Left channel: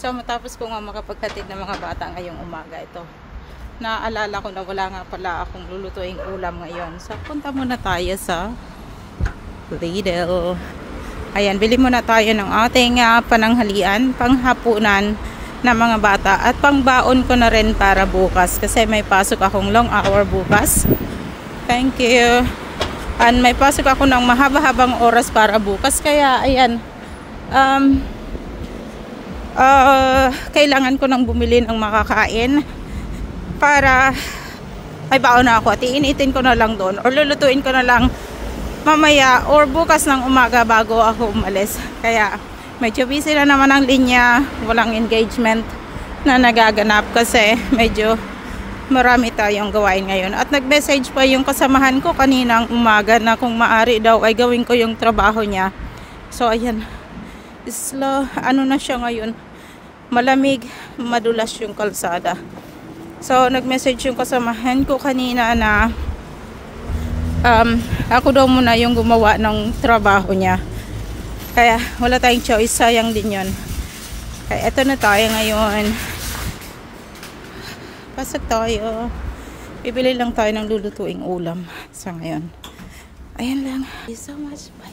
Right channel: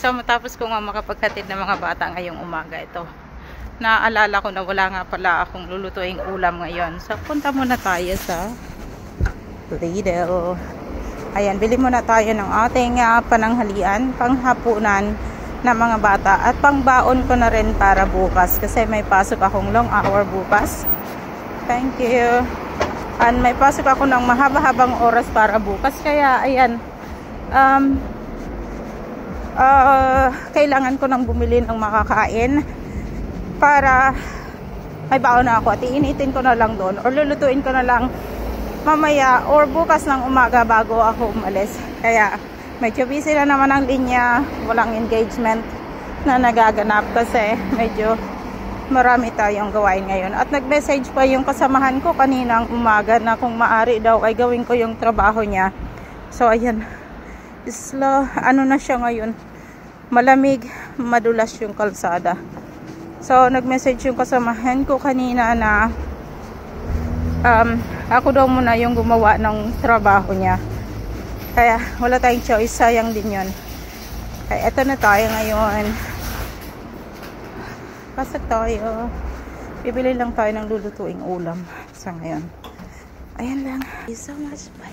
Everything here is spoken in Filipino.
So matapos ko nga makapaghatid ng mga bata ngayong umaga ito, naalala ko na wala nga pala akong lulutuing ulam ngayon. So punta muna tayo sa Lidl. Ayan, bili muna tayo ng ating pananghalian, panghapunan na mga bata at pangbaon ko na rin para bukas kasi may pasok akong long hour bukas. Thank you. And may pasok ako ng mahaba-habang oras para bukas kaya ayan, kailangan ko nang bumili ng makakain para may baon na ako at iinitin ko na lang doon or lulutuin ko na lang mamaya or bukas ng umaga bago ako umalis. Kaya medyo busy na naman ang linya, walang engagement na nagaganap kasi medyo marami tayong gawain ngayon. At nag-message pa yung kasamahan ko kaninang umaga na kung maari daw ay gawin ko yung trabaho niya. So ayan, ano na siya ngayon, malamig, madulas yung kalsada. So nag-message yung kasamahan ko kanina na ako daw muna yung gumawa ng trabaho niya. Kaya wala tayong choice, sayang din yun. Kaya eto na tayo ngayon. Pasok tayo. Bibili lang tayo ng lulutuing ulam sa ngayon. Ayan lang. Thank you so much. Bye.